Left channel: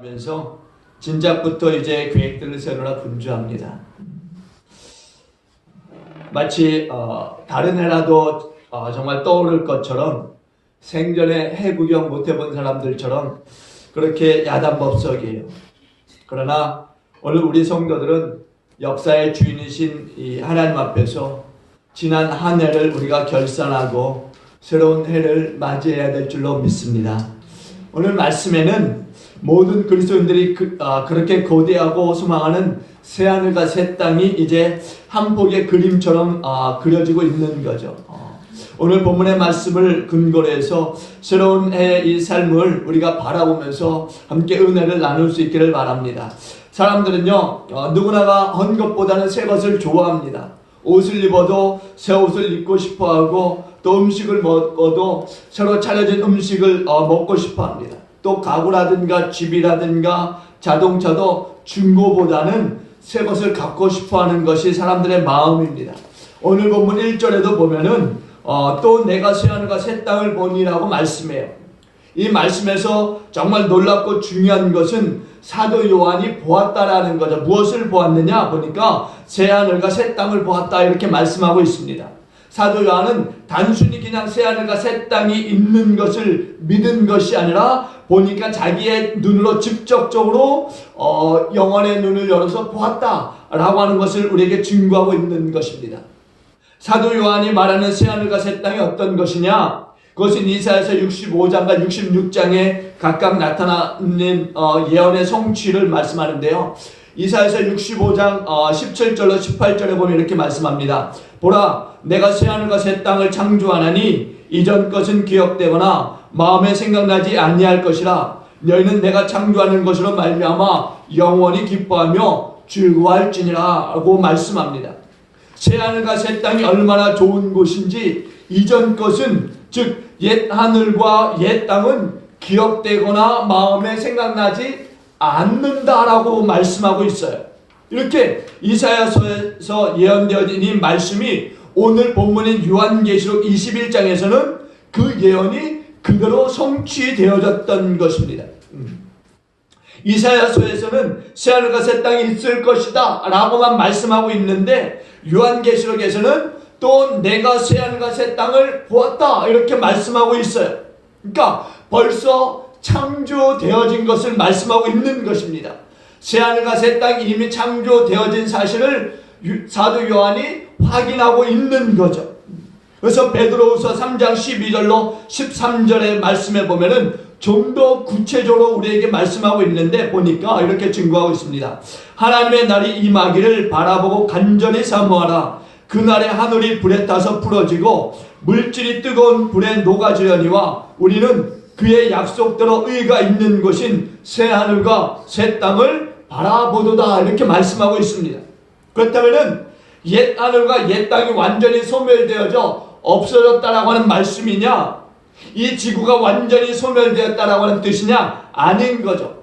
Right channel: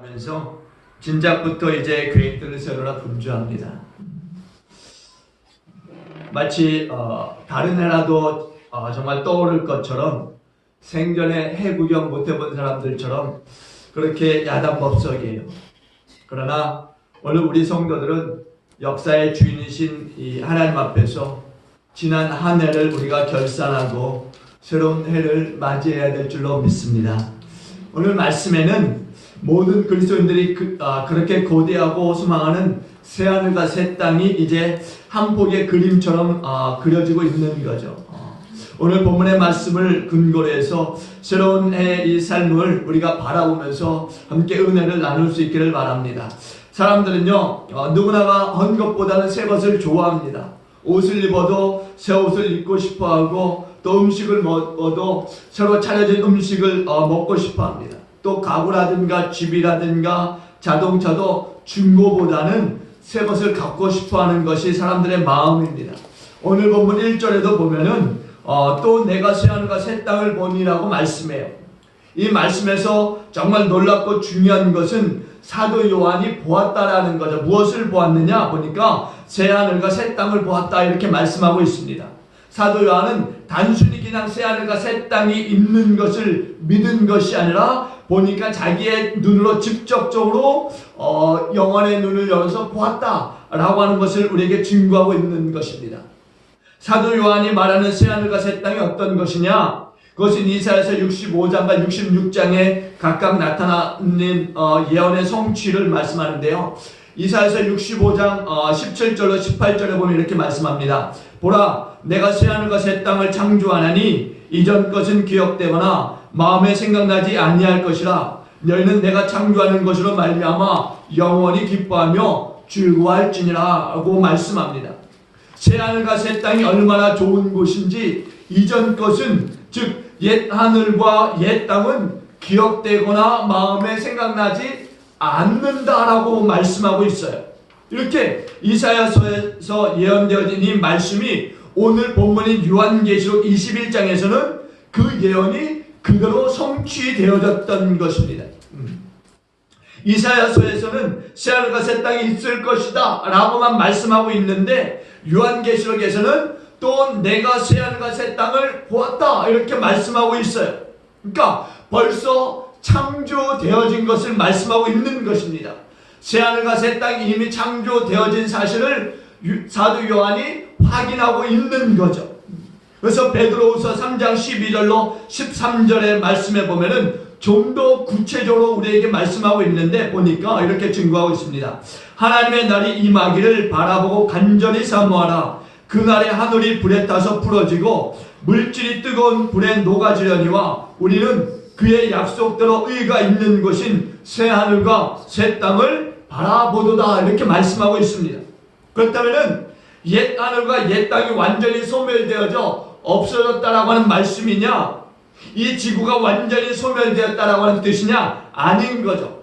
하면서 진작부터 이제 계획들을 세우느라 분주합니다. 마치 다른 해라도 정말 떠오를 것처럼 생전에 해 구경 못 해본 사람들처럼 그렇게 야단법석이에요. 그러나 오늘 우리 성도들은 역사의 주인이신 이 하나님 앞에서 지난 한 해를 우리가 결산하고 새로운 해를 맞이해야 될 줄로 믿습니다. 오늘 말씀에는 모든 그리스도인들이 그렇게 고대하고 소망하는 새하늘과 새 땅이 이제 한 폭의 그림처럼 그려지고 있는 거죠. 오늘 본문의 말씀을 근거로 해서 새로운 해의 이 삶을 우리가 바라보면서 함께 은혜를 나눌 수 있기를 바랍니다. 사람들은요, 누구나가 헌 것보다는 새 것을 좋아합니다. 옷을 입어도 새 옷을 입고 싶어하고, 또 음식을 먹어도 새로 차려진 음식을 먹고 싶어합니다. 또 가구라든가 집이라든가 자동차도 중고보다는 새 것을 갖고 싶어하는 것이 사람들의 마음입니다. 오늘 본문 1절에도 보면은 또 내가 새하늘과 새 땅을 보니라고 말씀해요. 이 말씀에서 정말 놀랍고 중요한 것은 사도 요한이 보았다라는 거죠. 무엇을 보았느냐 보니까 새하늘과 새 땅을 보았다 이렇게 말씀하고 있습니다. 사도 요한은 단순히 그냥 새하늘과 새 땅이 있는 것을 믿은 것이 아니라 보니까 자기의 눈으로 직접적으로 영혼의 눈을 열어서 보았다라고 하는 것을 우리에게 증거하고 있는 것입니다. 사도 요한이 말하는 새하늘과 새 땅이 어떤 것이냐? 그것은 이사야서 65장과 66장에 각각 나타나는 예언의 성취를 말씀하는데요. 이사야서 65장 17절로 18절에 보면 이렇게 말씀합니다. 보라, 내가 새하늘과 새 땅을 창조하나니 이전 것은 기억되거나 마음에 생각나지 아니할 것이라. 너희는 내가 창조하는 것으로 말미암아 영원히 기뻐하며 즐거워할지니라고 말씀합니다. 새하늘과 새 땅이 얼마나 좋은 곳인지, 이전 것은 즉 옛 하늘과 옛 땅은 기억되거나 마음에 생각나지 않는다라고 말씀하고 있어요. 이렇게 이사야서에서 예언되어진 이 말씀이 오늘 본문인 요한계시록 21장에서는 그 예언이 그대로 성취되어졌던 것입니다. 이사야서에서는 새하늘과 새 땅이 있을 것이다 라고만 말씀하고 있는데, 요한계시록에서는 또 내가 새하늘과 새 땅을 보았다 이렇게 말씀하고 있어요. 그러니까 벌써 창조되어진 것을 말씀하고 있는 것입니다. 새하늘과 새 땅이 이미 창조되어진 사실을 사도 요한이 확인하고 있는 거죠. 그래서 베드로후서 3장 12절로 13절의 말씀에 보면은 좀 더 구체적으로 우리에게 말씀하고 있는데 보니까 이렇게 증거하고 있습니다. 하나님의 날이 임하기를 바라보고 간절히 사모하라. 그날에 하늘이 불에 타서 부러지고 물질이 뜨거운 불에 녹아지려니와 우리는 그의 약속대로 의가 있는 것인 새 하늘과 새 땅을 바라보도다 이렇게 말씀하고 있습니다. 그렇다면은 옛 하늘과 옛 땅이 완전히 소멸되어져 없어졌다라고 하는 말씀이냐? 이 지구가 완전히 소멸되었다라고 하는 뜻이냐? 아닌 거죠.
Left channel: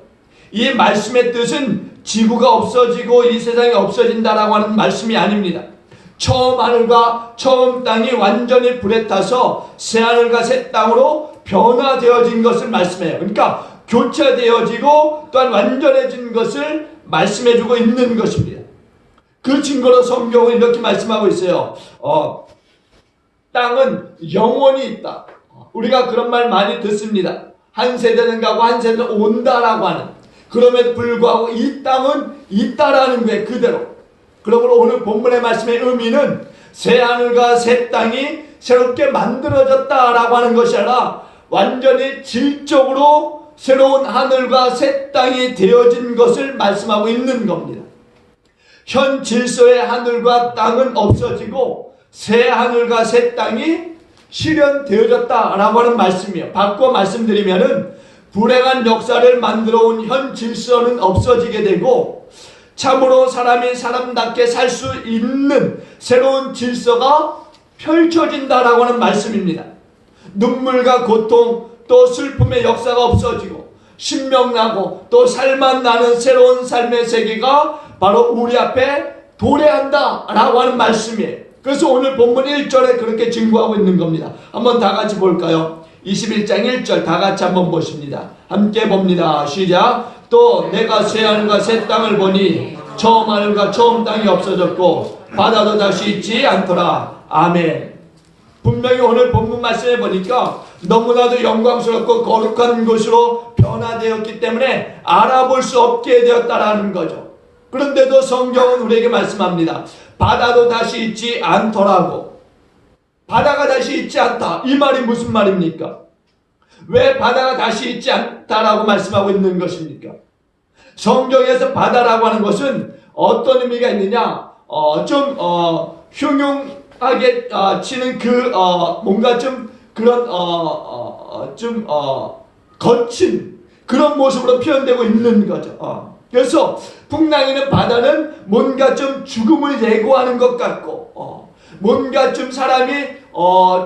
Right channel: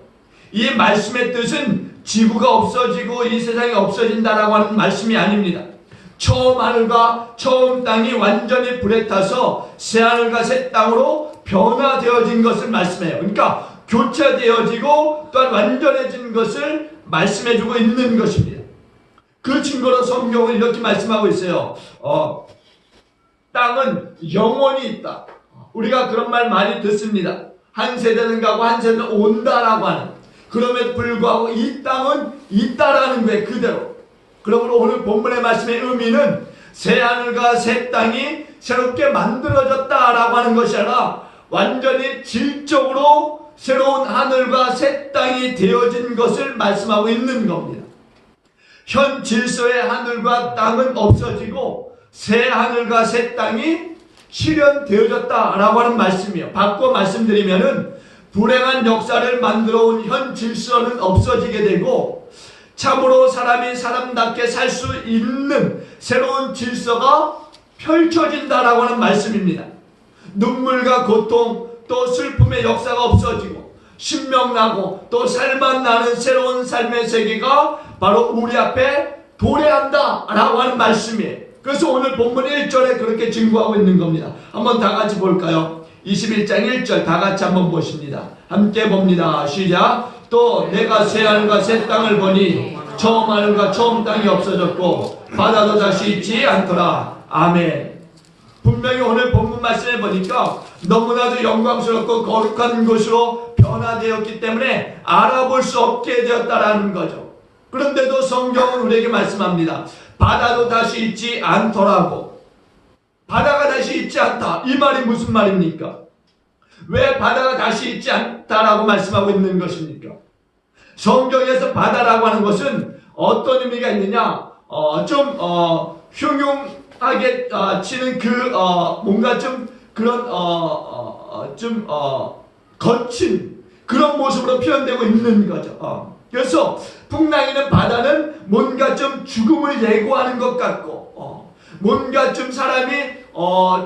이 말씀의 뜻은 지구가 없어지고 이 세상이 없어진다라고 하는 말씀이 아닙니다. 처음 하늘과 처음 땅이 완전히 불에 타서 새 하늘과 새 땅으로 변화되어진 것을 말씀해요. 그러니까 교체되어지고 또한 완전해진 것을 말씀해주고 있는 것입니다. 그 증거로 성경은 이렇게 말씀하고 있어요. 땅은 영원히 있다. 우리가 그런 말 많이 듣습니다. 한 세대는 가고 한 세대는 온다라고 하는. 그럼에도 불구하고 이 땅은 있다라는 거예요. 그대로. 그러므로 오늘 본문의 말씀의 의미는 새 하늘과 새 땅이 새롭게 만들어졌다라고 하는 것이 아니라 완전히 질적으로 새로운 하늘과 새 땅이 되어진 것을 말씀하고 있는 겁니다. 현 질서의 하늘과 땅은 없어지고 새 하늘과 새 땅이 실현되어졌다라고 하는 말씀이에요. 바꿔 말씀드리면은 불행한 역사를 만들어 온 현 질서는 없어지게 되고 참으로 사람이 사람답게 살 수 있는 새로운 질서가 펼쳐진다라고 하는 말씀입니다. 눈물과 고통 또 슬픔의 역사가 없어지고 신명나고 또 살만 나는 새로운 삶의 세계가 바로 우리 앞에 도래한다라고 하는 말씀이에요. 그래서 오늘 본문 1절에 그렇게 증거하고 있는 겁니다. 한번 다 같이 볼까요? 21장 1절 다 같이 한번 보십니다. 함께 봅니다. 시작. 또 내가 새하늘과 새 땅을 보니 처음 하늘과 처음 땅이 없어졌고 바다도 다시 있지 않더라. 아멘. 분명히 오늘 본문 말씀에 보니까 너무나도 영광스럽고 거룩한 곳으로 변화되었기 때문에 알아볼 수 없게 되었다라는 거죠. 그런데도 성경은 우리에게 말씀합니다. 바다도 다시 있지 않더라고. 바다가 다시 있지 않다. 이 말이 무슨 말입니까? 왜 바다가 다시 있지 않다라고 말씀하고 있는 것입니까? 성경에서 바다라고 하는 것은 어떤 의미가 있느냐? 흉흉하게 치는 뭔가 좀 그런 거친 그런 모습으로 표현되고 있는 거죠. 그래서 풍랑이는 바다는 뭔가 좀 죽음을 예고하는 것 같고 뭔가 좀 사람이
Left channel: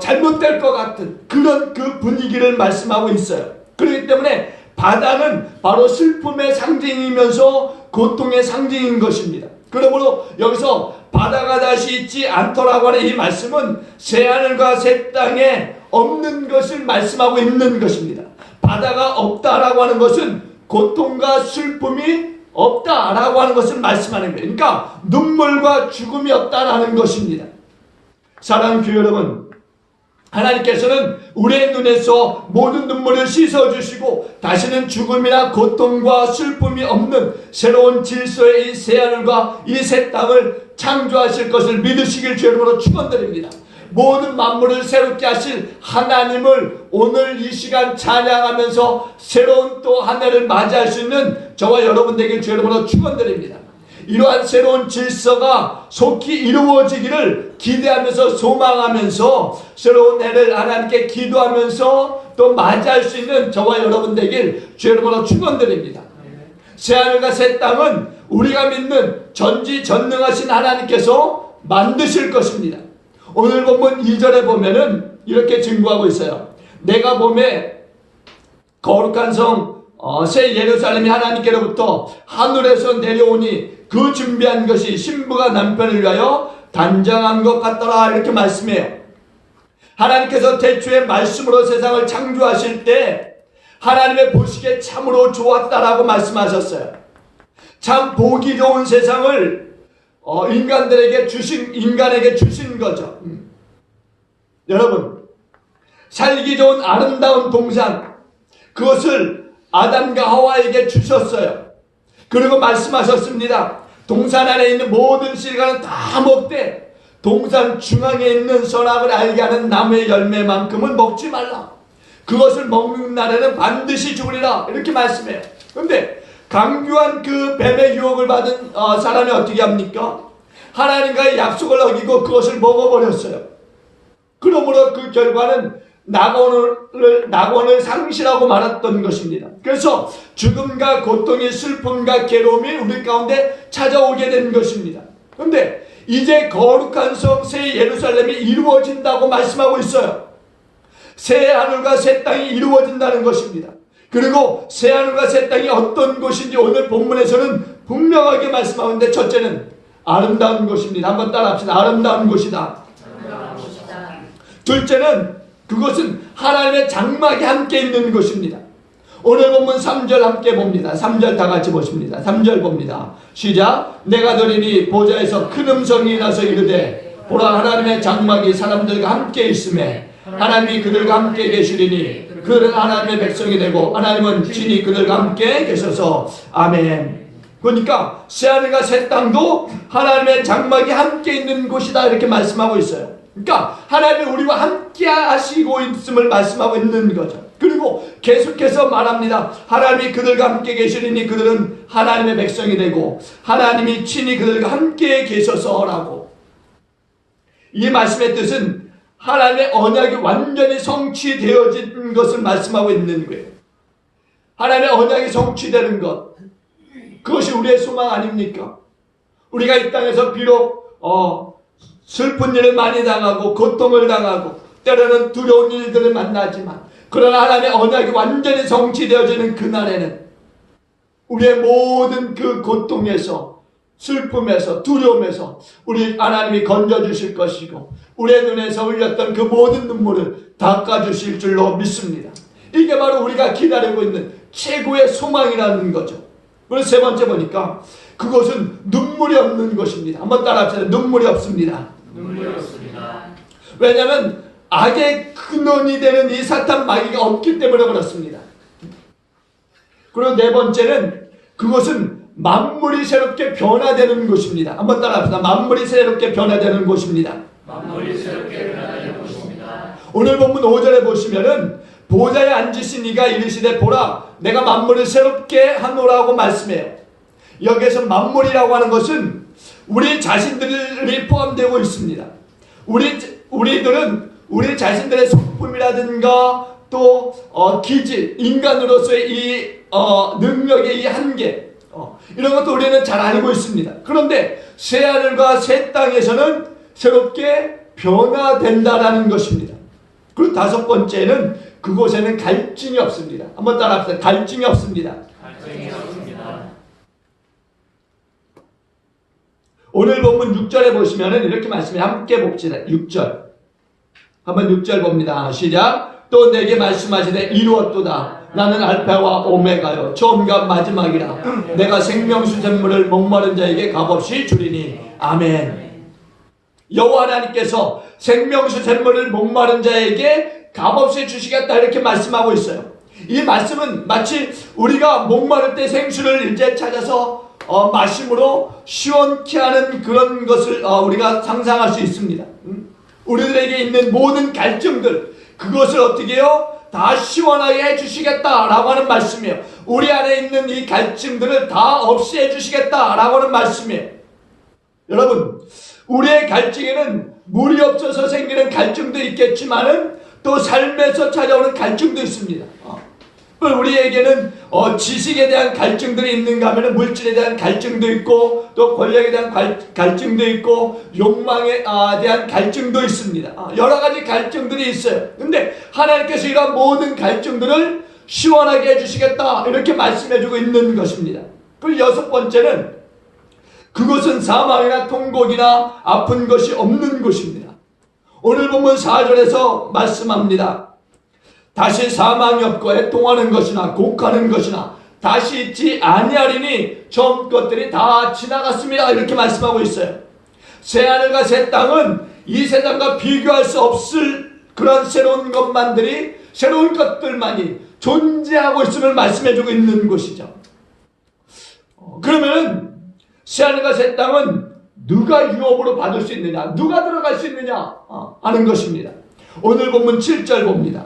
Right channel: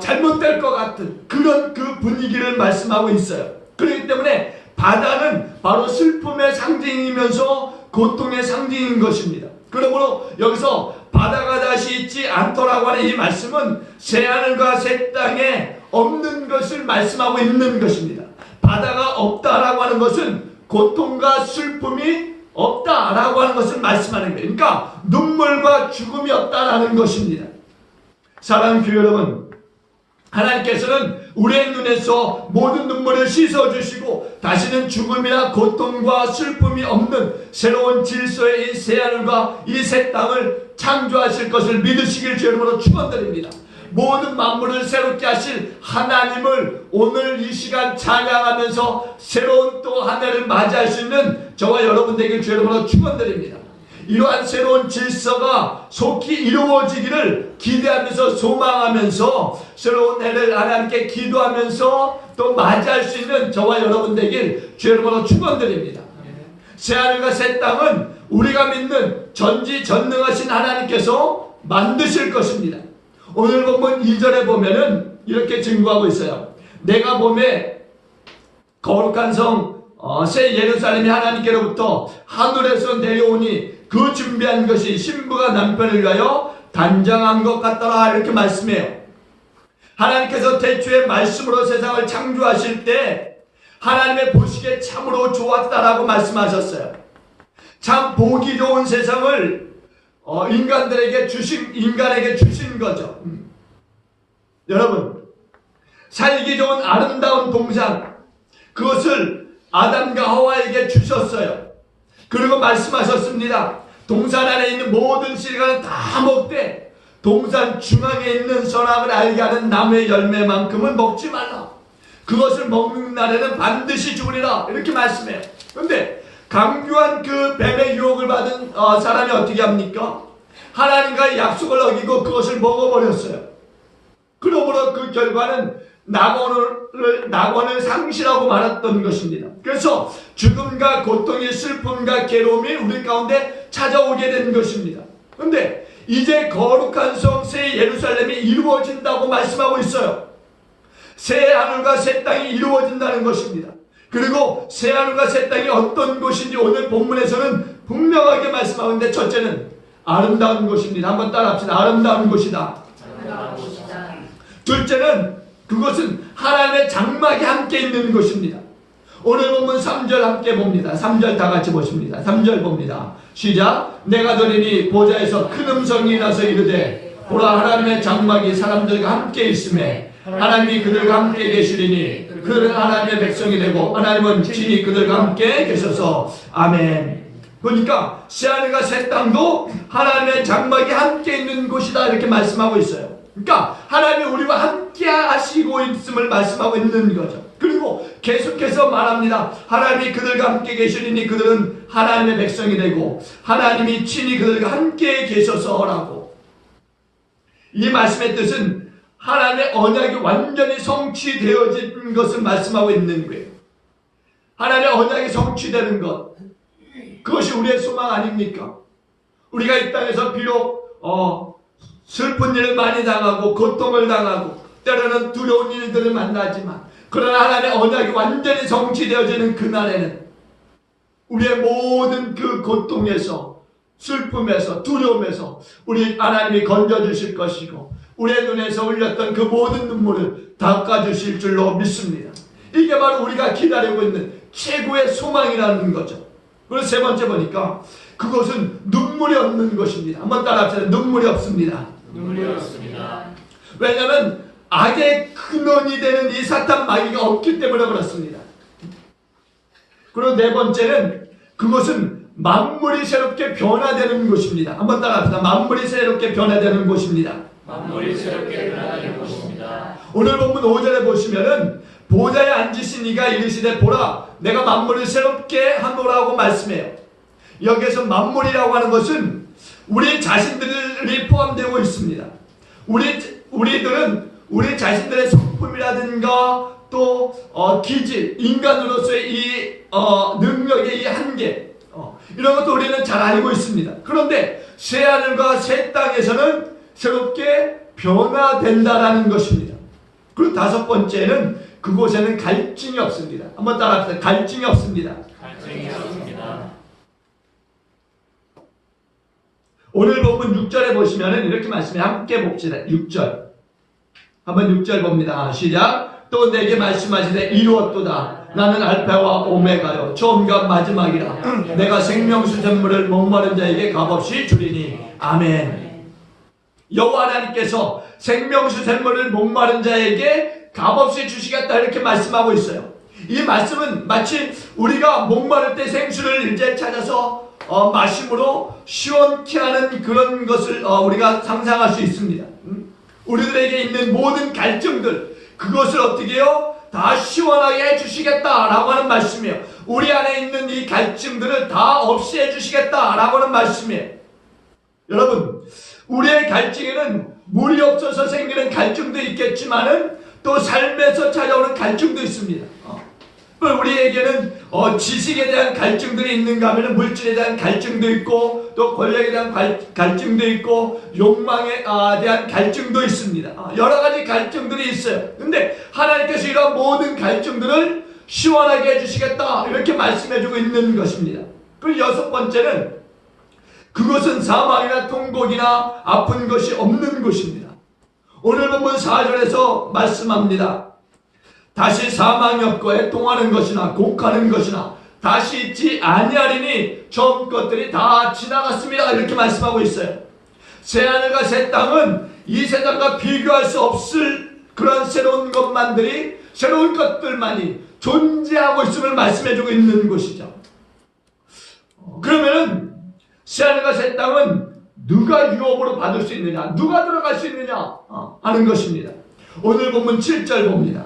잘못될 것 같은 그런 그 분위기를 말씀하고 있어요. 그렇기 때문에 바다는 바로 슬픔의 상징이면서 고통의 상징인 것입니다. 그러므로 여기서 바다가 다시 있지 않더라고 하는 이 말씀은 새하늘과 새 땅에 없는 것을 말씀하고 있는 것입니다. 바다가 없다라고 하는 것은 고통과 슬픔이 없다라고 하는 것을 말씀하는 거예요. 그러니까 눈물과 죽음이 없다라는 것입니다. 사랑하는 교회 여러분, 하나님께서는 우리의 눈에서 모든 눈물을 씻어주시고 다시는 죽음이나 고통과 슬픔이 없는 새로운 질서의 이 새하늘과 이 새 땅을 창조하실 것을 믿으시길 주님으로 축원드립니다. 모든 만물을 새롭게 하실 하나님을 오늘 이 시간 찬양하면서 새로운 또 한 해를 맞이할 수 있는 저와 여러분들에게 주님으로 축원드립니다. 이러한 새로운 질서가 속히 이루어지기를 기대하면서 소망하면서 새로운 해를 하나님께 기도하면서 또 맞이할 수 있는 저와 여러분 되길 주님으로 축원드립니다. 새하늘과 새 땅은 우리가 믿는 전지전능하신 하나님께서 만드실 것입니다. 오늘 본문 2절에 보면은 이렇게 증거하고 있어요. 내가 봄에 거룩한 성 새 예루살렘이 하나님께로부터 하늘에서 내려오니 그 준비한 것이 신부가 남편을 위하여 단장한 것 같더라 이렇게 말씀해요. 하나님께서 태초에 말씀으로 세상을 창조하실 때 하나님의 보시기에 참으로 좋았다라고 말씀하셨어요. 참 보기 좋은 세상을 인간에게 주신 거죠. 여러분, 살기 좋은 아름다운 동산, 그것을 아담과 하와에게 주셨어요. 그리고 말씀하셨습니다. 동산 안에 있는 모든 실과는 다 먹되 동산 중앙에 있는 선악을 알게 하는 나무의 열매만큼은 먹지 말라. 그것을 먹는 날에는 반드시 죽으리라. 이렇게 말씀해요. 그런데 강교한 그 뱀의 유혹을 받은 사람이 어떻게 합니까? 하나님과의 약속을 어기고 그것을 먹어버렸어요. 그러므로 그 결과는 낙원을 상실하고 말았던 것입니다. 그래서 죽음과 고통이 슬픔과 괴로움이 우리 가운데 찾아오게 된 것입니다. 그런데 이제 거룩한 성 새 예루살렘이 이루어진다고 말씀하고 있어요. 새 하늘과 새 땅이 이루어진다는 것입니다. 그리고 새 하늘과 새 땅이 어떤 곳인지 오늘 본문에서는 분명하게 말씀하는데, 첫째는 아름다운 곳입니다. 한번 따라합시다. 아름다운 곳이다. 둘째는 그것은 하나님의 장막이 함께 있는 곳입니다. 오늘 본문 3절 함께 봅니다. 3절 다 같이 보십니다. 3절 봅니다. 시작. 내가 들으니 보좌에서 큰 음성이 나서 이르되 보라, 하나님의 장막이 사람들과 함께 있음에 하나님이 그들과 함께 계시리니 그들은 하나님의 백성이 되고 하나님은 친히 그들과 함께 계셔서 아멘. 그러니까 새하늘과 새 땅도 하나님의 장막이 함께 있는 곳이다 이렇게 말씀하고 있어요. 그러니까 하나님이 우리와 함께 하시고 있음을 말씀하고 있는 거죠. 그리고 계속해서 말합니다. 하나님이 그들과 함께 계시리니 그들은 하나님의 백성이 되고 하나님이 친히 그들과 함께 계셔서라고. 이 말씀의 뜻은 하나님의 언약이 완전히 성취되어진 것을 말씀하고 있는 거예요. 하나님의 언약이 성취되는 것, 그것이 우리의 소망 아닙니까? 우리가 이 땅에서 비록 슬픈 일을 많이 당하고 고통을 당하고 때로는 두려운 일들을 만나지만, 그러나 하나님의 언약이 완전히 성취되어지는 그날에는 우리의 모든 그 고통에서, 슬픔에서, 두려움에서 우리 하나님이 건져주실 것이고 우리의 눈에서 흘렸던 그 모든 눈물을 닦아주실 줄로 믿습니다. 이게 바로 우리가 기다리고 있는 최고의 소망이라는 거죠. 그리고 세 번째 보니까 그것은 눈물이 없는 것입니다. 한번 따라합시다. 눈물이 없습니다. 눈물이 없습니다. 왜냐하면 악의 근원이 되는 이 사탄 마귀가 없기 때문에 그렇습니다. 그리고 네 번째는 그것은 만물이 새롭게 변화되는 곳입니다. 한번 따라합시다. 만물이 새롭게 변화되는 곳입니다. 만물이 새롭게 변화되는 곳입니다. 오늘 본문 5절에 보시면은 보좌에 앉으신 이가 이르시되 보라 내가 만물을 새롭게 하노라고 말씀해요. 여기에서 만물이라고 하는 것은 우리 자신들이 포함되고 있습니다. 우리들은 우리 자신들의 성품이라든가 또 기질, 인간으로서의 이 능력의 이 한계 이런 것도 우리는 잘 알고 있습니다. 그런데 새하늘과 새 땅에서는 새롭게 변화된다라는 것입니다. 그리고 다섯 번째는 그곳에는 갈증이 없습니다. 한번 따라합시다. 갈증이 없습니다. 갈증이 없습니다. 오늘 본문 6절에 보시면은 이렇게 말씀해 함께 봅시다. 6절. 한번 6절 봅니다. 시작. 또 내게 말씀하시되 이루었도다. 나는 알파와 오메가요 처음과 마지막이라. 내가 생명수 샘물을 목마른 자에게 값없이 주리니. 아멘. 여호와 하나님께서 생명수 샘물을 목마른 자에게 값없이 주시겠다 이렇게 말씀하고 있어요. 이 말씀은 마치 우리가 목마를 때 생수를 이제 찾아서 마심으로 시원케 하는 그런 것을 우리가 상상할 수 있습니다. 우리들에게 있는 모든 갈증들 그것을 어떻게 해요? 다 시원하게 해주시겠다라고 하는 말씀이에요. 우리 안에 있는 이 갈증들을 다 없이 해주시겠다라고 하는 말씀이에요. 여러분 우리의 갈증에는 물이 없어서 생기는 갈증도 있겠지만은 또 삶에서 찾아오는 갈증도 있습니다. 우리에게는 지식에 대한 갈증들이 있는가 하면 물질에 대한 갈증도 있고 또 권력에 대한 갈증도 있고 욕망에 대한 갈증도 있습니다. 여러 가지 갈증들이 있어요. 근데 하나님께서 이런 모든 갈증들을 시원하게 해주시겠다 이렇게 말씀해주고 있는 것입니다. 그리고 여섯 번째는 그것은 사망이나 통곡이나 아픈 것이 없는 곳입니다. 오늘 본문 4절에서 말씀합니다. 다시 사망이 없고 애통하는 것이나 곡하는 것이나 다시 있지 아니하리니 처음 것들이 다 지나갔습니다. 이렇게 말씀하고 있어요. 새하늘과 새 땅은 이 세상과 비교할 수 없을 그런 새로운 것만들이 새로운 것들만이 존재하고 있음을 말씀해주고 있는 곳이죠. 그러면 새하늘과 새 땅은 누가 유업으로 받을 수 있느냐, 누가 들어갈 수 있느냐 하는 것입니다. 오늘 본문 7절 봅니다.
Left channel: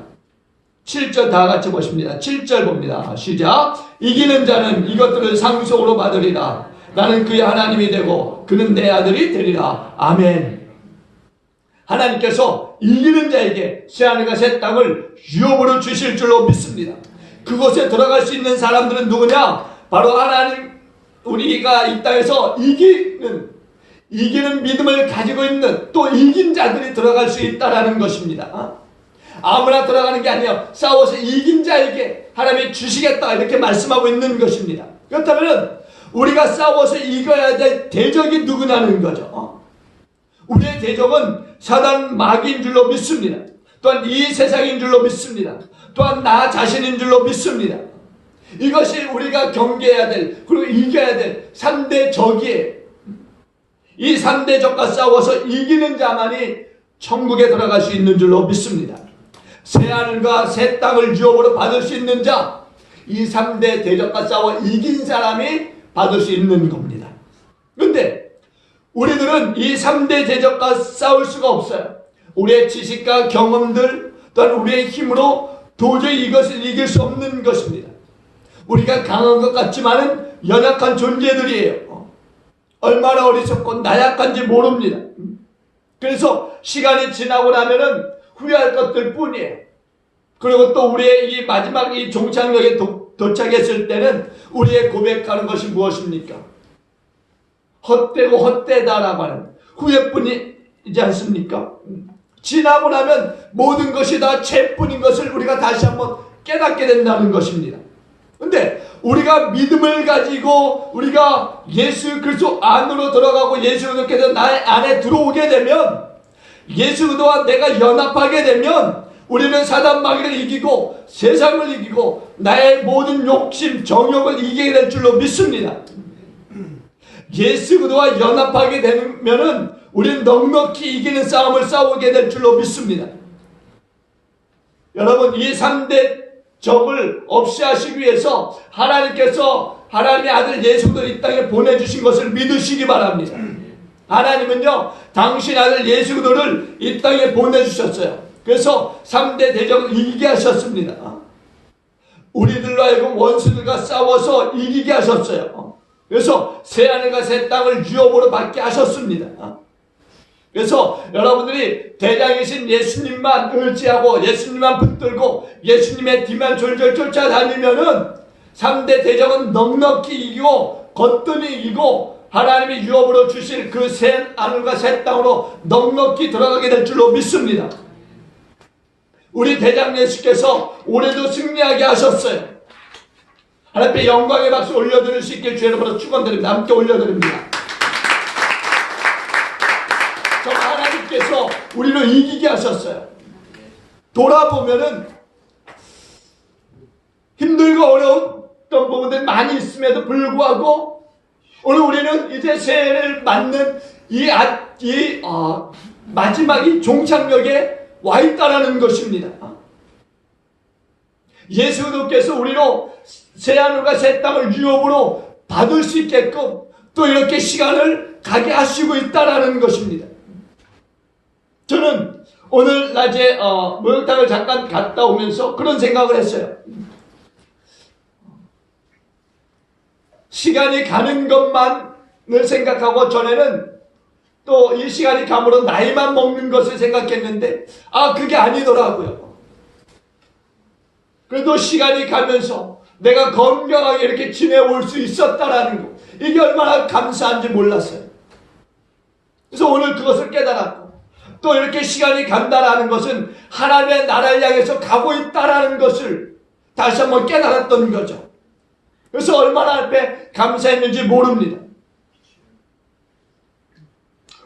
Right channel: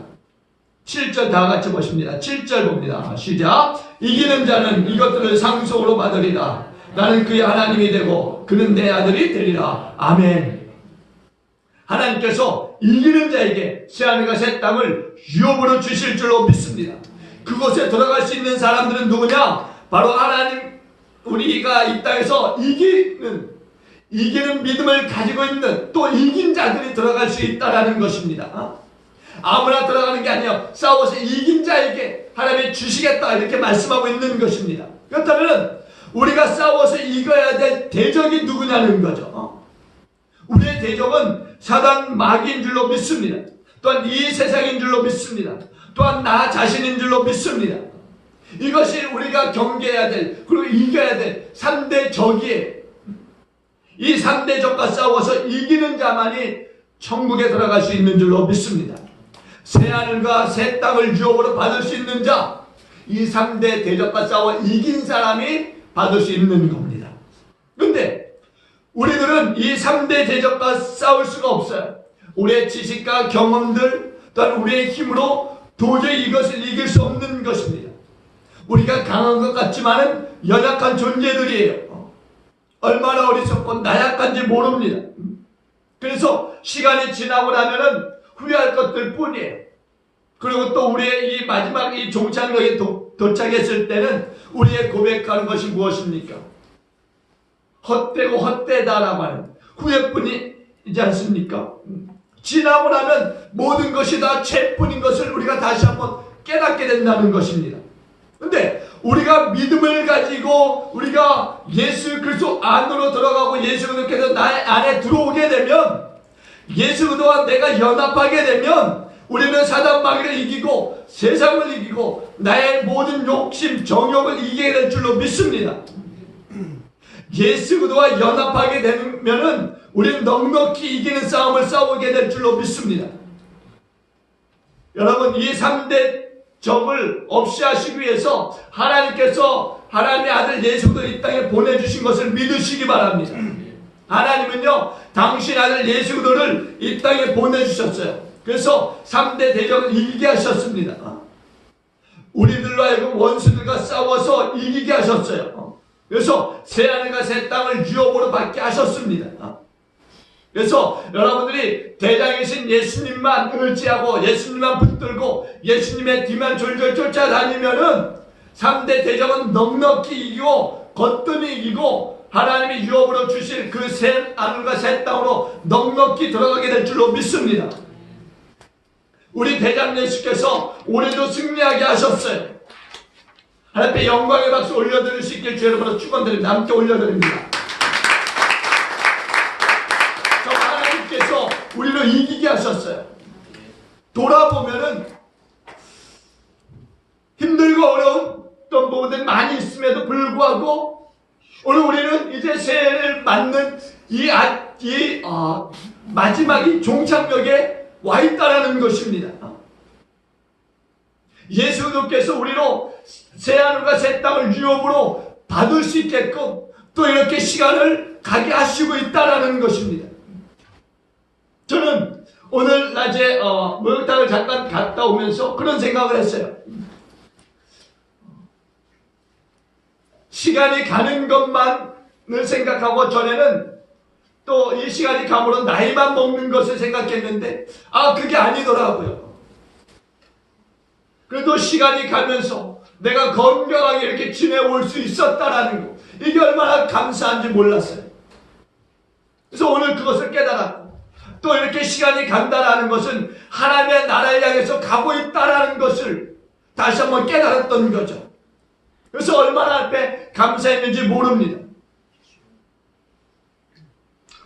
7절 다 같이 보십니다. 7절 봅니다. 시작. 이기는 자는 이것들을 상속으로 받으리라. 나는 그의 하나님이 되고 그는 내 아들이 되리라. 아멘. 하나님께서 이기는 자에게 새하늘과 새 땅을 유업으로 주실 줄로 믿습니다. 그곳에 들어갈 수 있는 사람들은 누구냐? 바로 하나님, 우리가 이 땅에서 이기는 믿음을 가지고 있는 또 이긴 자들이 들어갈 수 있다라는 것입니다. 아무나 들어가는 게 아니에요. 싸워서 이긴 자에게 하나님이 주시겠다 이렇게 말씀하고 있는 것입니다. 그렇다면 우리가 싸워서 이겨야 될 대적이 누구냐는 거죠. 우리의 대적은 사단 마귀인 줄로 믿습니다. 또한 이 세상인 줄로 믿습니다. 또한 나 자신인 줄로 믿습니다. 이것이 우리가 경계해야 될 그리고 이겨야 될 3대 적이에요. 이 3대 적과 싸워서 이기는 자만이 천국에 들어갈 수 있는 줄로 믿습니다. 새하늘과 새 땅을 유업으로 받을 수 있는 자, 이 3대 대적과 싸워 이긴 사람이 받을 수 있는 겁니다. 그런데 우리들은 이 3대 대적과 싸울 수가 없어요. 우리의 지식과 경험들 또한 우리의 힘으로 도저히 이것을 이길 수 없는 것입니다. 우리가 강한 것 같지만은 연약한 존재들이에요. 얼마나 어리석고 나약한지 모릅니다. 그래서 시간이 지나고 나면은 후회할 것들 뿐이에요. 그리고 또 우리의 이 마지막 이 종착역에 도착했을 때는 우리의 고백하는 것이 무엇입니까? 헛되고 헛되다라고 하는 후회뿐이지 않습니까? 지나고 나면 모든 것이 다 죄뿐인 것을 우리가 다시 한번 깨닫게 된다는 것입니다. 근데 우리가 믿음을 가지고 우리가 예수 그리스도 안으로 들어가고 예수 그리스도께서 나 안에 들어오게 되면 예수 그리스도와 내가 연합하게 되면 우리는 사단 마귀를 이기고 세상을 이기고 나의 모든 욕심, 정욕을 이기게 될 줄로 믿습니다. 예수 그리스도와 연합하게 되면은 우리는 넉넉히 이기는 싸움을 싸우게 될 줄로 믿습니다. 여러분, 이 3대 적을 없이 하시기 위해서 하나님께서 하나님의 아들 예수 그리스도를 이 땅에 보내주신 것을 믿으시기 바랍니다. 하나님은요, 당신 아들 예수 그리스도를 이 땅에 보내주셨어요. 그래서 3대 대적을 이기게 하셨습니다. 우리들로 하여금 원수들과 싸워서 이기게 하셨어요. 그래서 새하늘과 새 땅을 유업으로 받게 하셨습니다. 그래서 여러분들이 대장이신 예수님만 의지하고 예수님만 붙들고 예수님의 뒤만 졸졸 쫓아다니면은 3대 대적은 넉넉히 이기고 거뜬히 이기고 하나님이 유업으로 주실 그 새 하늘과 새 땅으로 넉넉히 들어가게 될 줄로 믿습니다. 우리 대장 예수께서 올해도 승리하게 하셨어요. 하나님 앞에 영광의 박수 올려드릴 수 있길 주의 이름으로 축원드립니다. 함께 올려드립니다. 하나님께서 우리를 이기게 하셨어요. 돌아보면은 힘들고 어려웠던 부분들이 많이 있음에도 불구하고 오늘 우리는 이제 새해를 맞는 마지막 이 종착역에 와 있다라는 것입니다. 예수 그리스도께서 우리로 새하늘과 새 땅을 유업으로 받을 수 있게끔 또 이렇게 시간을 가게 하시고 있다라는 것입니다. 저는 오늘 낮에 목욕탕을 잠깐 갔다 오면서 그런 생각을 했어요. 시간이 가는 것만을 생각하고 전에는 또 이 시간이 감으로 나이만 먹는 것을 생각했는데 그게 아니더라고요. 그래도 시간이 가면서 내가 건강하게 이렇게 지내올 수 있었다라는 거, 이게 얼마나 감사한지 몰랐어요. 그래서 오늘 그것을 깨달았고 또 이렇게 시간이 간다라는 것은 하나님의 나라를 향해서 가고 있다라는 것을 다시 한번 깨달았던 거죠. 그래서 얼마나 앞에 감사했는지 모릅니다.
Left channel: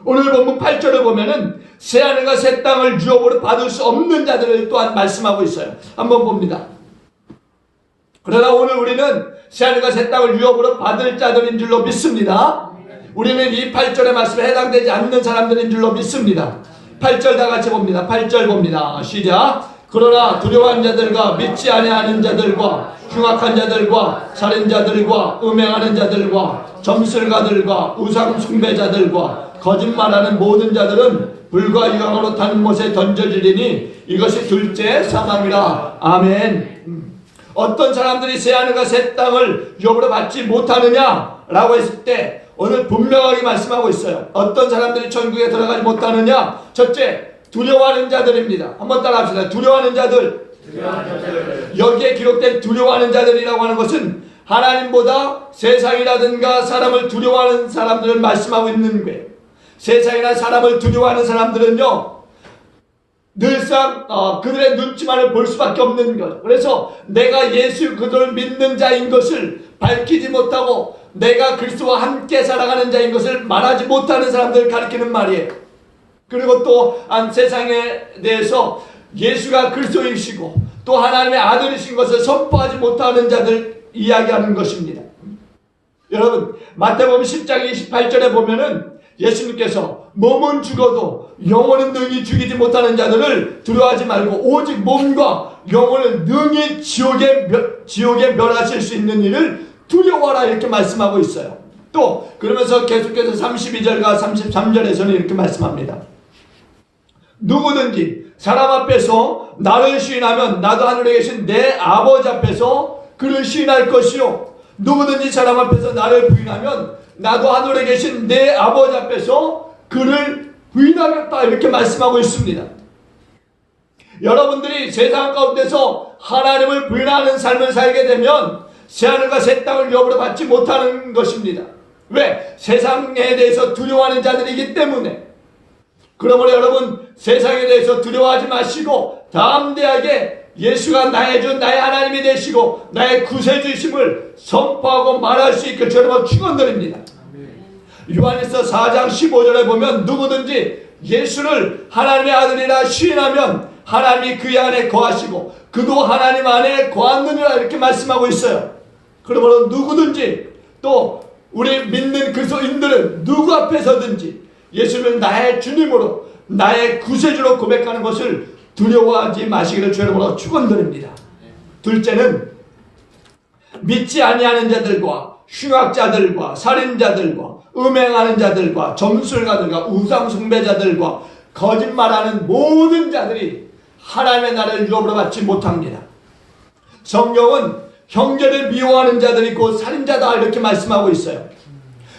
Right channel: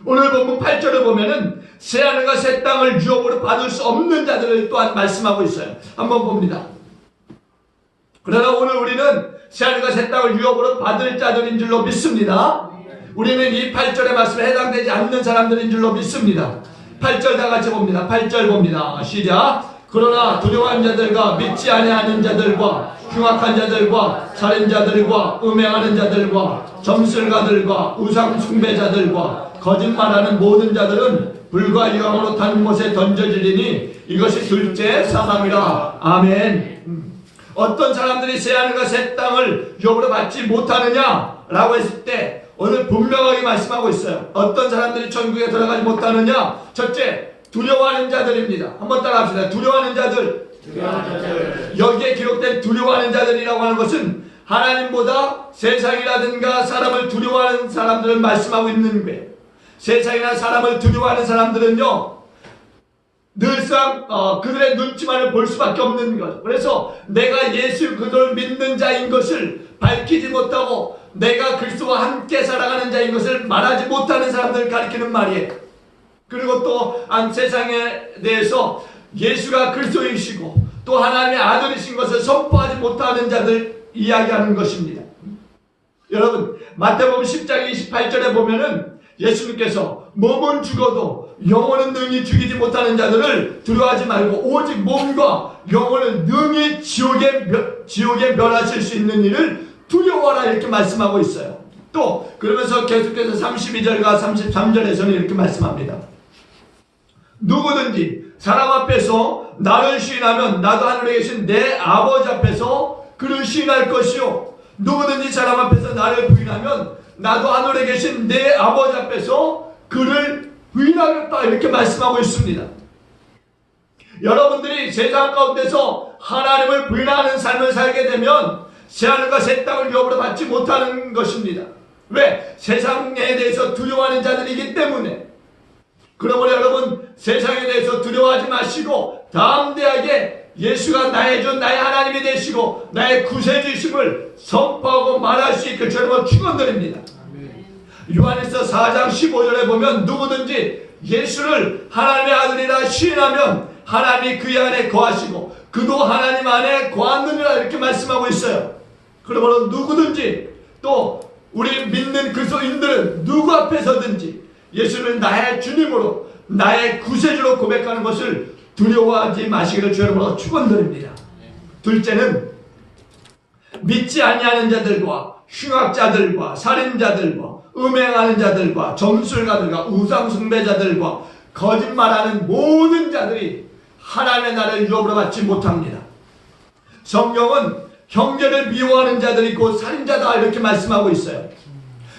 오늘 본문 8절을 보면은 새하늘과 새 땅을 유업으로 받을 수 없는 자들을 또한 말씀하고 있어요. 한번 봅니다. 그러나 오늘 우리는 새하늘과 새 땅을 유업으로 받을 자들인 줄로 믿습니다. 우리는 이 8절의 말씀에 해당되지 않는 사람들인 줄로 믿습니다. 8절 다 같이 봅니다. 8절 봅니다. 시작. 그러나 두려워하는 자들과 믿지 아니하는 자들과 흉악한 자들과 살인자들과 음행하는 자들과 점술가들과 우상 숭배자들과 거짓말하는 모든 자들은 불과 유황으로 타는 못에 던져지리니 이것이 둘째 사망이라. 아멘. 어떤 사람들이 새하늘과 새 땅을 유업으로 받지 못하느냐라고 했을 때 오늘 분명하게 말씀하고 있어요. 어떤 사람들이 천국에 들어가지 못하느냐? 첫째, 두려워하는 자들입니다. 한번 따라합시다. 두려워하는 자들. 여기에 기록된 두려워하는 자들이라고 하는 것은 하나님보다 세상이라든가 사람을 두려워하는 사람들을 말씀하고 있는 거예요. 세상이나 사람을 두려워하는 사람들은요, 늘상 그들의 눈치만을 볼 수밖에 없는 것. 그래서 내가 예수 그들을 믿는 자인 것을 밝히지 못하고 내가 그리스도와 함께 살아가는 자인 것을 말하지 못하는 사람들을 가리키는 말이에요. 그리고 또 세상에 대해서 예수가 그리스도이시고 또 하나님의 아들이신 것을 선포하지 못하는 자들 이야기하는 것입니다. 여러분, 마태복음 10장 28절에 보면은 예수님께서 몸은 죽어도 영혼은 능히 죽이지 못하는 자들을 두려워하지 말고 오직 몸과 영혼을 능히 지옥에 멸하실 수 있는 일을 두려워하라, 이렇게 말씀하고 있어요. 또 그러면서 계속해서 32절과 33절에서는 이렇게 말씀합니다. 누구든지 사람 앞에서 나를 시인하면 나도 하늘에 계신 내 아버지 앞에서 그를 시인할 것이요, 누구든지 사람 앞에서 나를 부인하면 나도 하늘에 계신 내 아버지 앞에서 그를 부인하겠다, 이렇게 말씀하고 있습니다. 여러분들이 세상 가운데서 하나님을 부인하는 삶을 살게 되면 새하늘과 새 땅을 유업으로 받지 못하는 것입니다. 왜? 세상에 대해서 두려워하는 자들이기 때문에. 그러므로 여러분, 세상에 대해서 두려워하지 마시고 담대하게 예수가 나의 주, 나의 하나님이 되시고 나의 구세주이심을 선포하고 말할 수 있게 저를 축원드립니다. 요한일서 4장 15절에 보면 누구든지 예수를 하나님의 아들이라 시인하면 하나님이 그의 안에 거하시고 그도 하나님 안에 거하느니라 이렇게 말씀하고 있어요. 그러므로 누구든지 또 우리 믿는 그리스도인들은 누구 앞에서든지 예수를 나의 주님으로 나의 구세주로 고백하는 것을 두려워하지 마시기를 주의 이름으로 축원드립니다. 둘째는 믿지 아니하는 자들과 흉악자들과 살인자들과 음행하는 자들과 점술가들과 우상숭배자들과 거짓말하는 모든 자들이 하나님의 나라를 유업으로 받지 못합니다. 성경은 형제를 미워하는 자들이 곧 살인자다 이렇게 말씀하고 있어요.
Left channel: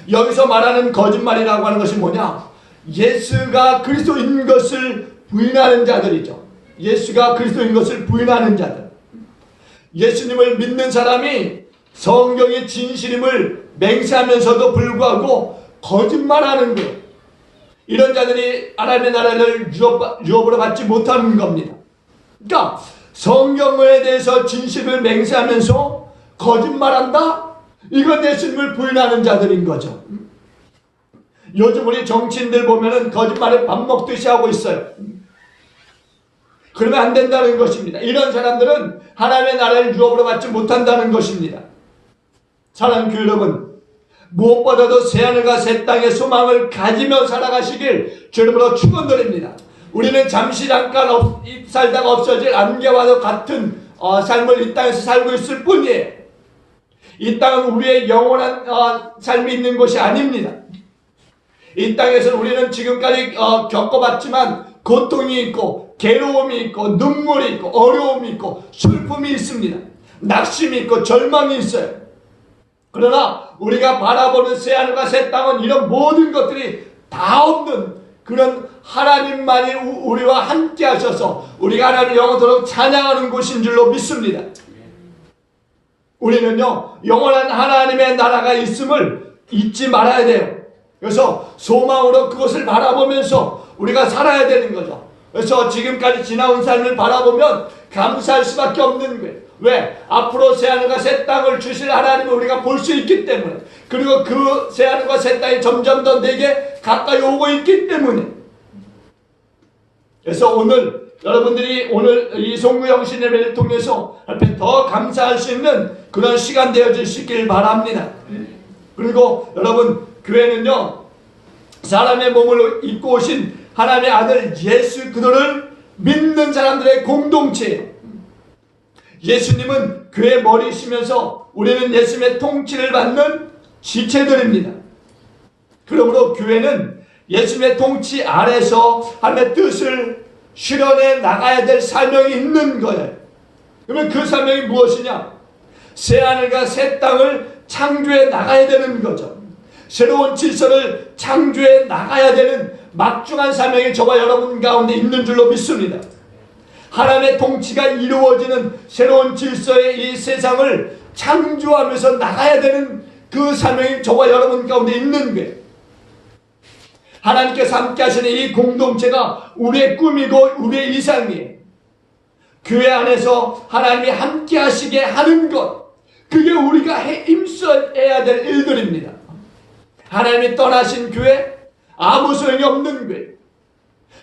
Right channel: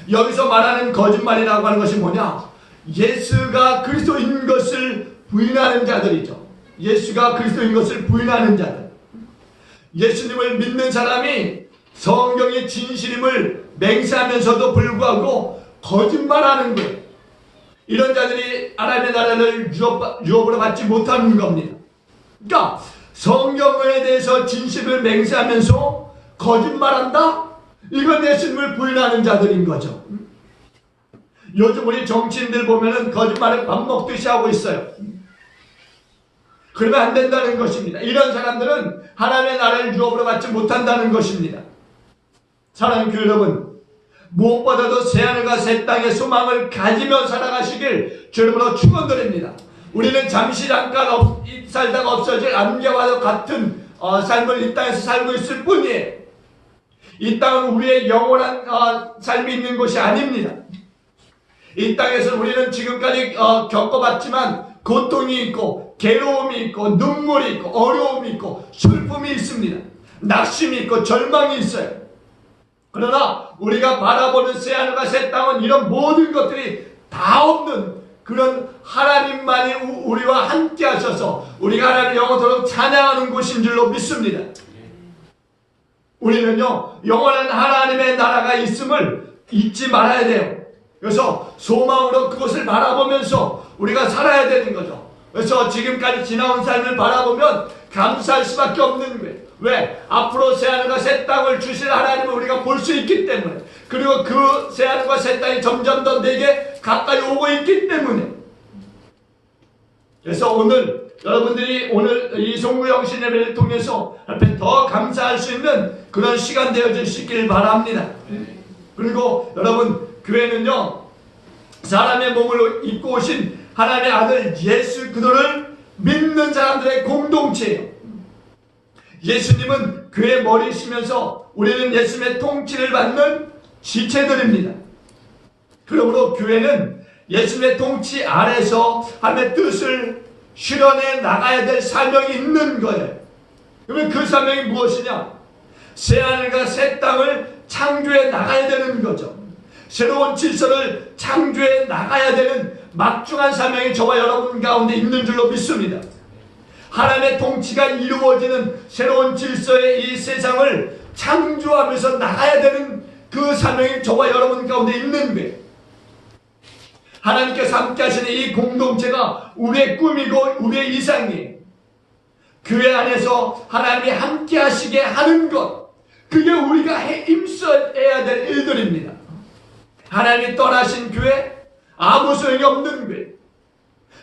여기서 말하는 거짓말이라고 하는 것이 뭐냐? 예수가 그리스도인 것을 부인하는 자들이죠. 예수가 그리스도인 것을 부인하는 자들. 예수님을 믿는 사람이 성경의 진실임을 맹세하면서도 불구하고 거짓말하는 것, 이런 자들이 하나님의 나라를 유업으로 받지 못하는 겁니다. 그러니까 성경에 대해서 진실을 맹세하면서 거짓말한다? 이건 예수님을 부인하는 자들인 거죠. 요즘 우리 정치인들 보면은 거짓말을 밥 먹듯이 하고 있어요. 그러면 안 된다는 것입니다. 이런 사람들은 하나님의 나라를 유업으로 받지 못한다는 것입니다. 사랑하는 교회 여러분, 무엇보다도 새하늘과 새 땅의 소망을 가지며 살아가시길 주님으로 축원드립니다. 우리는 잠시 잠깐 살다가 없어질 안개와도 같은 삶을 이 땅에서 살고 있을 뿐이에요. 이 땅은 우리의 영원한 삶이 있는 곳이 아닙니다. 이 땅에서 우리는 지금까지 겪어봤지만 고통이 있고 괴로움이 있고 눈물이 있고 어려움이 있고 슬픔이 있습니다. 낙심이 있고 절망이 있어요. 그러나 우리가 바라보는 새하늘과 새 땅은 이런 모든 것들이 다 없는 그런 하나님만이 우리와 함께 하셔서 우리가 하나님을 영원토록 찬양하는 곳인 줄로 믿습니다. 우리는요, 영원한 하나님의 나라가 있음을 잊지 말아야 돼요. 그래서 소망으로 그것을 바라보면서 우리가 살아야 되는 거죠. 그래서 지금까지 지나온 삶을 바라보면 감사할 수밖에 없는 거예요. 왜? 앞으로 새하늘과 새 땅을 주실 하나님을 우리가 볼 수 있기 때문에, 그리고 그 새하늘과 새 땅이 점점 더 내게 가까이 오고 있기 때문에. 그래서 오늘 여러분들이 오늘 이 송구영신 예배를 통해서 앞에 더 감사할 수 있는 그런 시간 되어주시길 바랍니다. 그리고 여러분, 교회는요, 사람의 몸을 입고 오신 하나님의 아들 예수 그리스도를 믿는 사람들의 공동체예요. 예수님은 교회 머리시면서 우리는 예수님의 통치를 받는 지체들입니다. 그러므로 교회는 예수님의 통치 아래서 하나님의 뜻을 실현해 나가야 될 사명이 있는 거예요. 그러면 그 사명이 무엇이냐? 새하늘과 새 땅을 창조해 나가야 되는 거죠. 새로운 질서를 창조해 나가야 되는 막중한 사명이 저와 여러분 가운데 있는 줄로 믿습니다. 하나님의 통치가 이루어지는 새로운 질서의 이 세상을 창조하면서 나가야 되는 그 사명이 저와 여러분 가운데 있는 거예요. 하나님께서 함께 하시는 이 공동체가 우리의 꿈이고 우리의 이상이에요. 교회 안에서 하나님이 함께 하시게 하는 것, 그게 우리가 힘써야 될 일들입니다. 하나님이 떠나신 교회, 아무 소용이 없는 교회.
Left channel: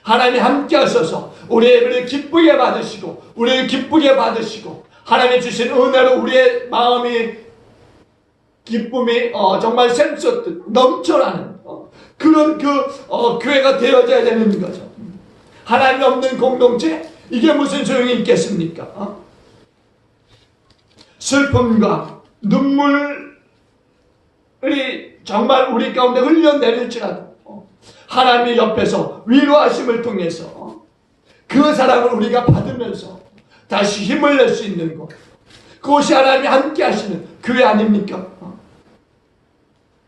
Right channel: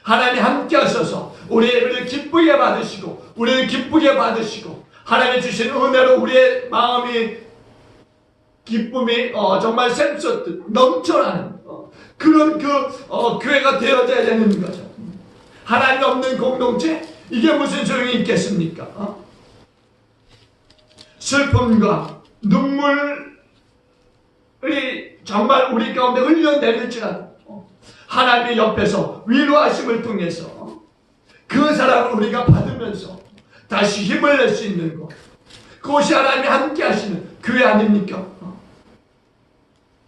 하나님이 함께 하셔서 우리의 예배를 기쁘게 받으시고 우리를 기쁘게 받으시고 하나님이 주신 은혜로 우리의 마음이 기쁨이 정말 샘솟듯 넘쳐나는 그런 교회가 되어져야 되는 거죠. 하나님 없는 공동체, 이게 무슨 소용이 있겠습니까? 슬픔과 눈물이 정말 우리 가운데 흘러내릴지라도 하나님의 옆에서 위로하심을 통해서 그 사랑을 우리가 받으면서 다시 힘을 낼 수 있는 것, 그것이 하나님이 함께 하시는 교회 아닙니까?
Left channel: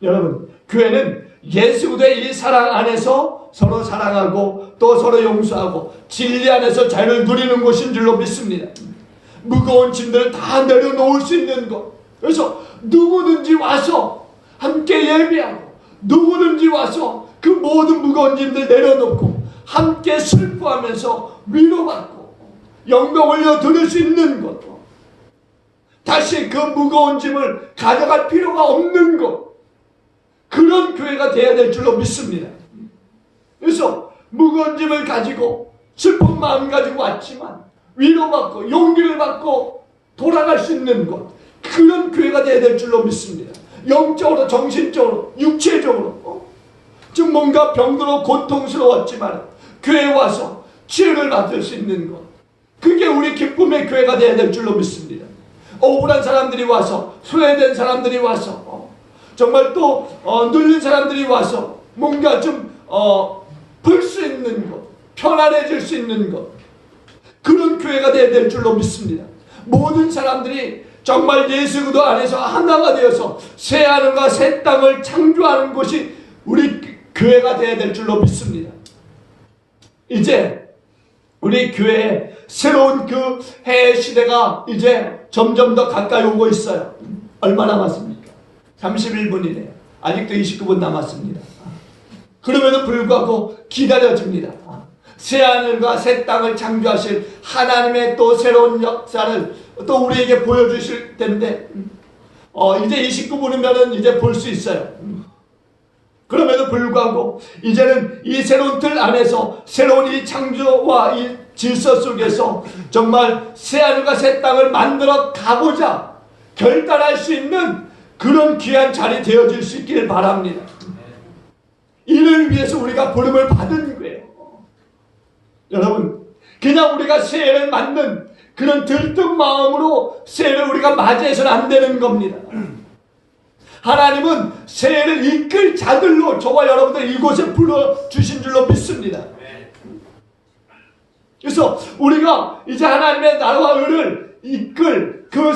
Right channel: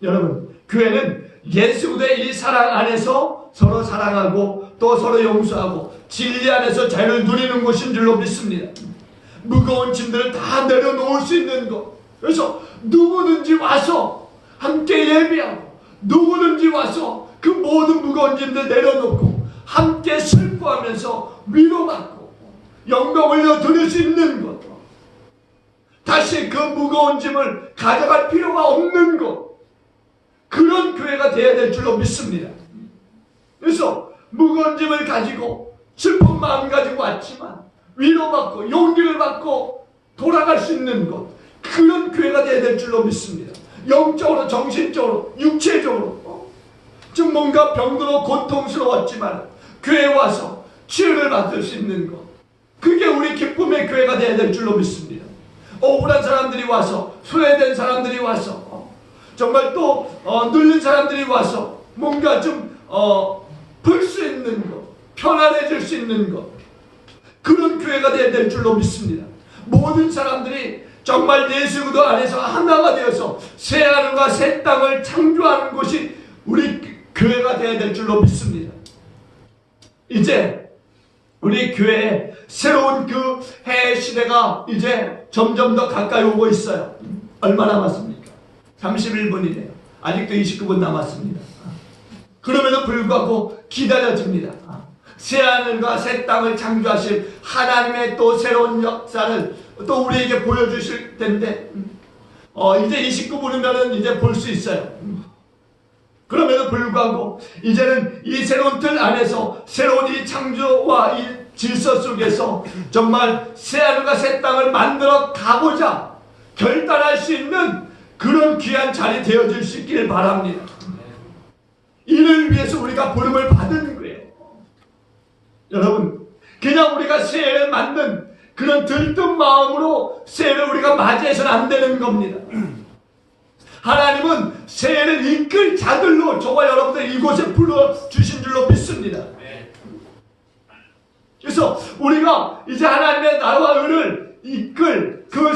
여러분, 교회는 예수 그리스도의 이 사랑 안에서 서로 사랑하고 또 서로 용서하고 진리 안에서 자유를 누리는 곳인 줄로 믿습니다. 무거운 짐들을 다 내려놓을 수 있는 것. 그래서 누구든지 와서 함께 예배하고 누구든지 와서 그 모든 무거운 짐들 내려놓고 함께 슬퍼하면서 위로받고 영광 올려 드릴 수 있는 것. 다시 그 무거운 짐을 가져갈 필요가 없는 것. 그런 교회가 되어야 될 줄로 믿습니다. 그래서 무거운 짐을 가지고 슬픈 마음 가지고 왔지만 위로받고 용기를 받고 돌아갈 수 있는 것, 그런 교회가 되어야 될 줄로 믿습니다. 영적으로, 정신적으로, 육체적으로 지금 뭔가 병들어 고통스러웠지만 교회에 와서 치유를 받을 수 있는 것, 그게 우리 기쁨의 교회가 되어야 될 줄로 믿습니다. 억울한 사람들이 와서, 소외된 사람들이 와서, 정말 또 눌린 사람들이 와서 뭔가 좀 풀 수 있는 것, 편안해질 수 있는 것, 그런 교회가 되어야 될 줄로 믿습니다. 모든 사람들이 정말 예수 그리스도 안에서 하나가 되어서 새 하늘과 새 땅을 창조하는 것이 우리 교회가 되어야 될 줄로 믿습니다. 이제 우리 교회에 새로운 그 해 시대가 이제 점점 더 가까이 오고 있어요. 얼마 남았습니까? 31분이네요. 아직도 29분 남았습니다. 그럼에도 불구하고 기다려집니다. 새 하늘과 새 땅을 창조하실 하나님의 또 새로운 역사를 또 우리에게 보여주실 텐데, 이제 29분이면 이제 볼 수 있어요. 그럼에도 불구하고 이제는 이 새로운 틀 안에서 새로운 이 창조와 이 질서 속에서 정말 새 하늘과 새 땅을 만들어 가고자 결단할 수 있는 그런 귀한 자리 되어질 수 있기를 바랍니다. 이를 위해서 우리가 부름을 받은 거예요. 여러분, 그냥 우리가 새해를 맞는 그런 들뜬 마음으로 새해를 우리가 맞이해서는 안 되는 겁니다. 하나님은 새해를 이끌 자들로 저와 여러분들 이곳에 불러주신 줄로 믿습니다. 그래서 우리가 이제 하나님의 나라와 의를 이끌 그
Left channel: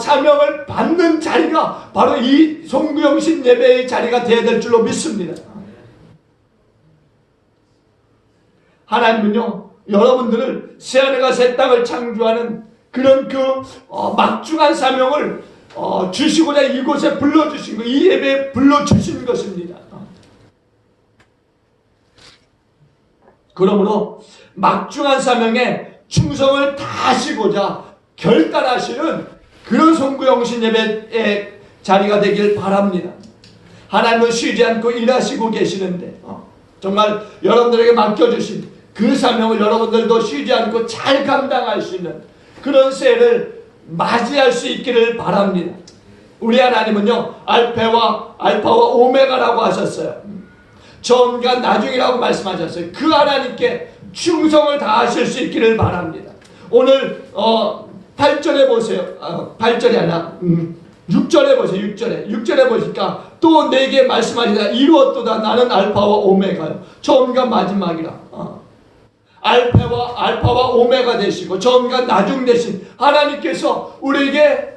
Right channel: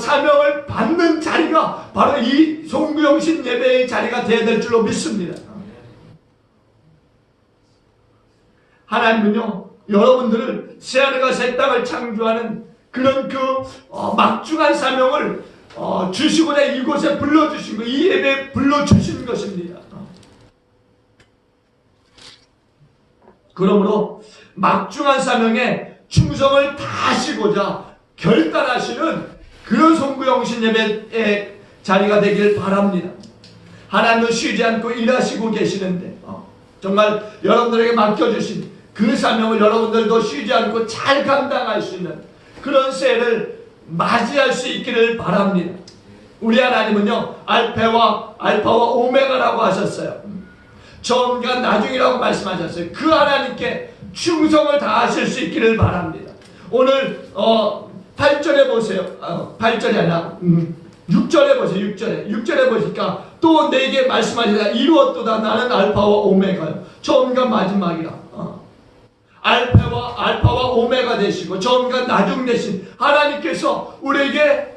사명을 받는 자리가 바로 이 송구영신 예배의 자리가 되어야 될 줄로 믿습니다. 하나님은요, 여러분들을 새하늘과 새 땅을 창조하는 그런 그 막중한 사명을 주시고자 이곳에 불러주신 것, 이 예배에 불러주신 것입니다. 그러므로 막중한 사명에 충성을 다하시고자 결단하시는 그런 송구영신 예배의 자리가 되길 바랍니다. 하나님은 쉬지 않고 일하시고 계시는데 정말 여러분들에게 맡겨주신 그 사명을 여러분들도 쉬지 않고 잘 감당할 수 있는 그런 새해를 맞이할 수 있기를 바랍니다. 우리 하나님은요, 알파와 오메가라고 하셨어요. 처음과 나중이라고 말씀하셨어요. 그 하나님께 충성을 다하실 수 있기를 바랍니다. 오늘 8절에 보세요. 8절이 아니라 6절에 보세요. 6절에 보니까 또 내게 말씀하리라. 이루었도다. 나는 알파와 오메가요. 처음과 마지막이라. 알파와 오메가 되시고 처음과 나중 되신 하나님께서 우리에게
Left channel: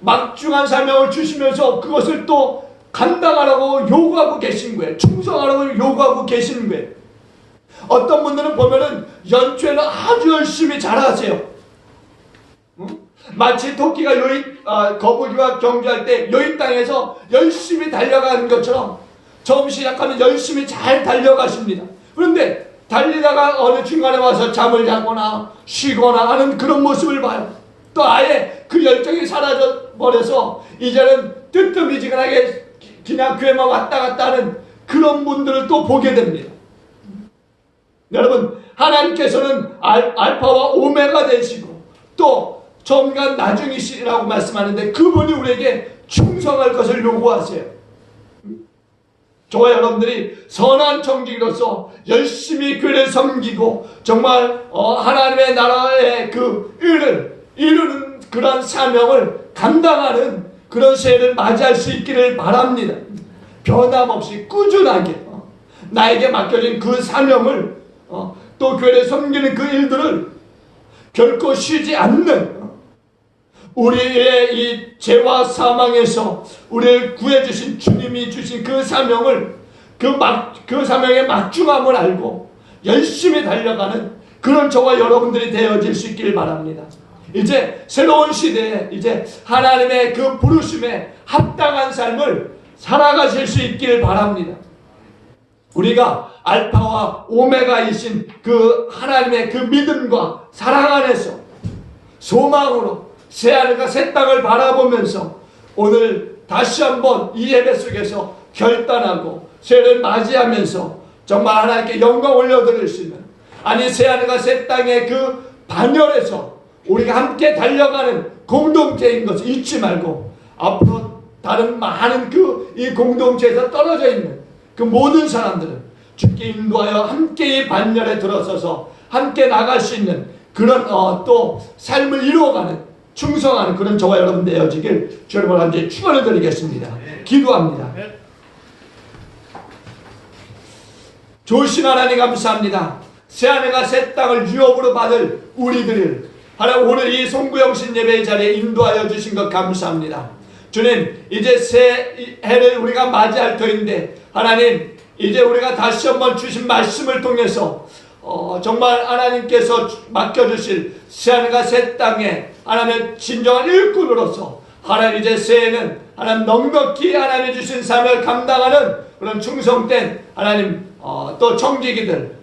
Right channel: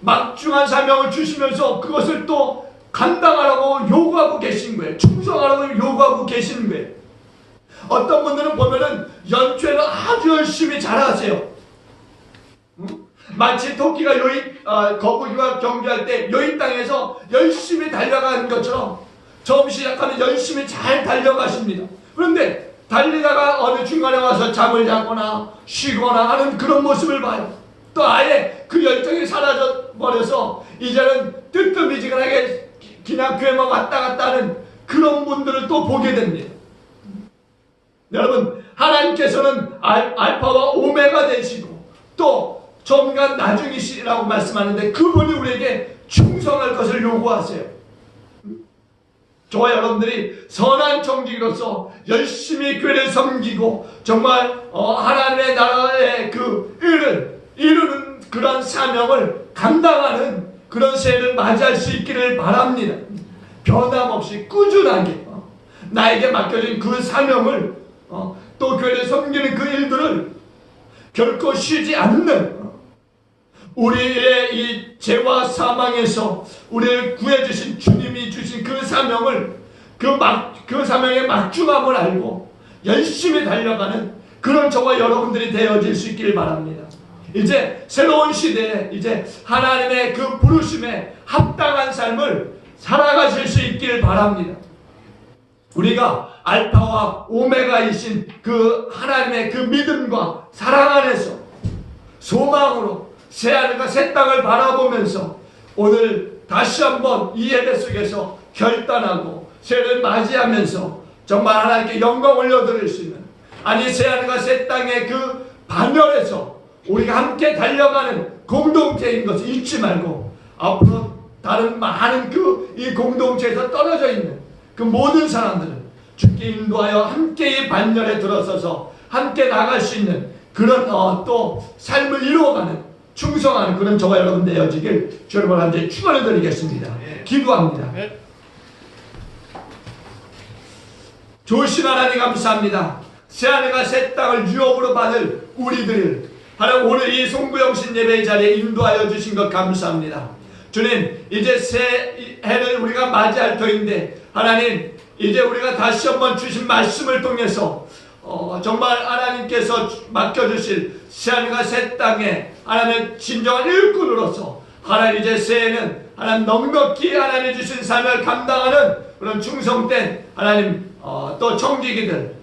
막중한 사명을 주시면서 그것을 또 감당하라고 요구하고 계신 거예요. 충성하라고 요구하고 계시는 거예요. 어떤 분들은 보면은 연초에는 아주 열심히 잘하세요. 마치 토끼가 거북이와 경주할 때 여인 땅에서 열심히 달려가는 것처럼 처음 시작하면 열심히 잘 달려가십니다. 그런데 달리다가 어느 중간에 와서 잠을 자거나 쉬거나 하는 그런 모습을 봐요. 또 아예 그 열정이 사라져 버려서 이제는 뜨뜻미지근하게 그냥 교회만 왔다 갔다 하는 그런 분들을 또 보게 됩니다. 여러분, 하나님께서는 알파와 오메가 되시고 또 처음과 나중이시라고 말씀하는데 그분이 우리에게 충성할 것을 요구하세요. 저와 여러분들이 선한 청지기로서 열심히 교회를 섬기고 정말 하나님의 나라의 그 의를 이루는 그런 사명을 감당하는 그런 새해를 맞이할 수 있기를 바랍니다. 변함없이 꾸준하게 나에게 맡겨진 그 사명을 또 교회를 섬기는 그 일들을 결코 쉬지 않는 우리의 이 죄와 사망에서 우리를 구해주신 주님이 주신 그 사명을 그 사명의 막중함을 알고 열심히 달려가는 그런 저와 여러분들이 되어질 수 있길 바랍니다. 이제 새로운 시대에 이제 하나님의 그 부르심에 합당한 삶을 살아가실 수 있길 바랍니다. 우리가 알파와 오메가이신 그 하나님의 그 믿음과 사랑 안에서 소망으로 새하늘과 새 땅을 바라보면서 오늘 다시 한번 이 예배 속에서 결단하고 새해를 맞이하면서 정말 하나님께 영광 올려드릴 수 있는 아니 새하늘과 새 땅의 그 반열에서 우리가 함께 달려가는 공동체인 것을 잊지 말고 앞으로 다른 많은 이 공동체에서 떨어져 있는 그 모든 사람들은 주께 인도하여 함께 이 반열에 들어서서 함께 나갈 수 있는 그런 또 삶을 이루어가는 충성하는 그런 저와 여러분 되어지길 주 여러분 함께 축원을 드리겠습니다. 기도합니다. 좋으신 하나님 감사합니다. 새하늘과 새 땅을 유업으로 받을 우리들을 하나님 오늘 이 송구영신 예배의 자리에 인도하여 주신 것 감사합니다. 주님 이제 새 해를 우리가 맞이할 터인데 하나님 이제 우리가 다시 한번 주신 말씀을 통해서 정말 하나님께서 맡겨주실 새하늘과 새 땅에 하나님의 진정한 일꾼으로서 하나님 이제 새해는 하나님 넉넉히 하나님 주신 삶을 감당하는 그런 충성된 하나님 또 청지기들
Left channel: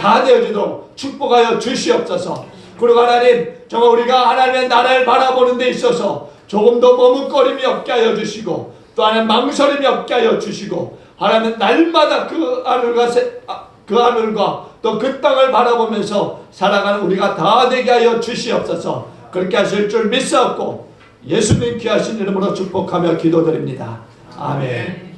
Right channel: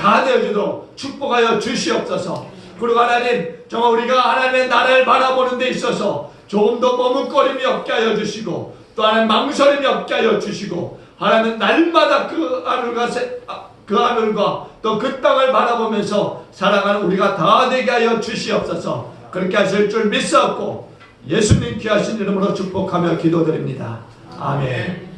다 되어주도록 축복하여 주시옵소서. 그리고 하나님 정말 우리가 하나님의 나라를 바라보는 데 있어서 조금 더 머뭇거림이 없게 하여 주시고 또 하나님 망설임이 없게 하여 주시고 하나님 날마다 그 하늘과 또 그 땅을 바라보면서 살아가는 우리가 다 되게 하여 주시옵소서. 그렇게 하실 줄 믿사옵고 예수님 귀하신 이름으로 축복하며 기도드립니다. 아멘.